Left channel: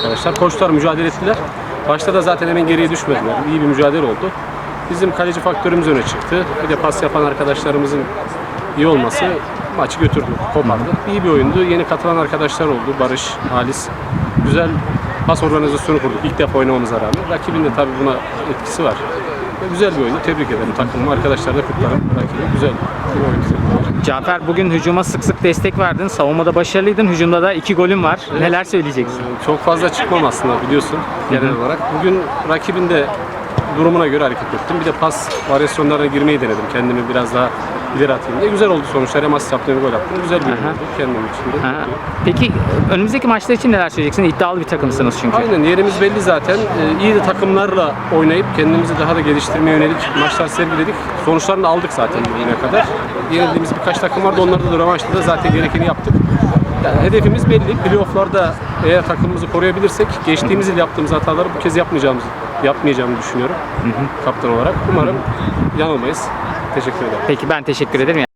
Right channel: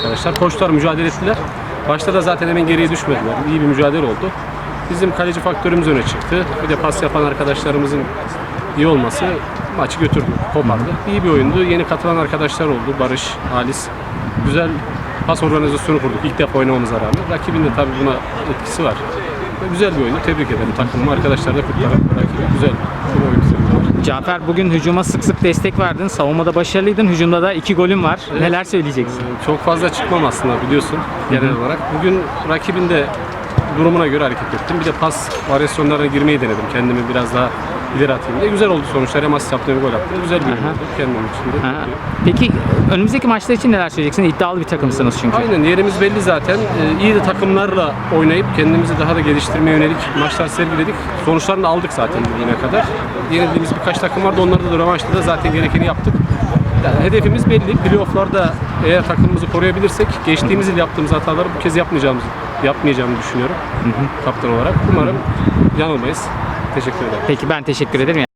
arkadaşlar. Koştular, mücadele ettiler. Başta da zaten hemen geriye düşmediler. İyi bir mücadele oldu. Bizim kaleci faktörümüz öne çıktı. Bir de pas yapan arkadaşlarımızın iyi olması maçı götürdü, kopardı. İyi bir oyundu. Yeni katılan arkadaşlar oldu. Barış, Halis. Güzel pas organizasyonu kurduk ilk defa oynamamıza rağmen. Rakibin de tabii buna etkisi var. Güzel bir oyundu. Tebrik ederim takımımı. Arkadaşlar da kutlarım. Rakibi güzel bir oyun. Cafer bugün hücuma sık sık destek verdin. Savunmada başarılıydın. Hücumda da iki golün var. Neler söyleyeceksin? Çok fazla çıkmam aslında biliyorsun genel olarak. Bugün rakibin de durumuna göre hareket ettim. Bir de pas varyasyonlarına girmeyi denedim. Kendimi biraz daha ileri atayım diye. Güzel oldu sonuçlar. Hem asist yaptım hem gol attım. Güzel bir oyun oldu kendim için de. Peki önümüzdeki maçlar için neler söyleyeceksin? İddialı bir takımsınız çünkü. Aynen yerimiz belli zaten. Ee, iyi de takımlarla oynayıp kendimizi daha da geliştirmeye yönelik maçlar sergiledik. Sonuçlarını da aldık zaten bugüne kadar. Yenildiğimiz birkaç takım vardı. Onlarda da rövanşta da zaten gerekeni yaptık. Yani hedefimiz belli. Playoff'larda eğer takımımızı koruyabilirsek geçtiğimiz yıl yaptığımız hataları bu kez yapmayacağımız yapmayacağımı düşünüyorum. Kaptan olarak. Umarım yanılmayız. Teşekkür ederim. Peki ben teşekkür ederim.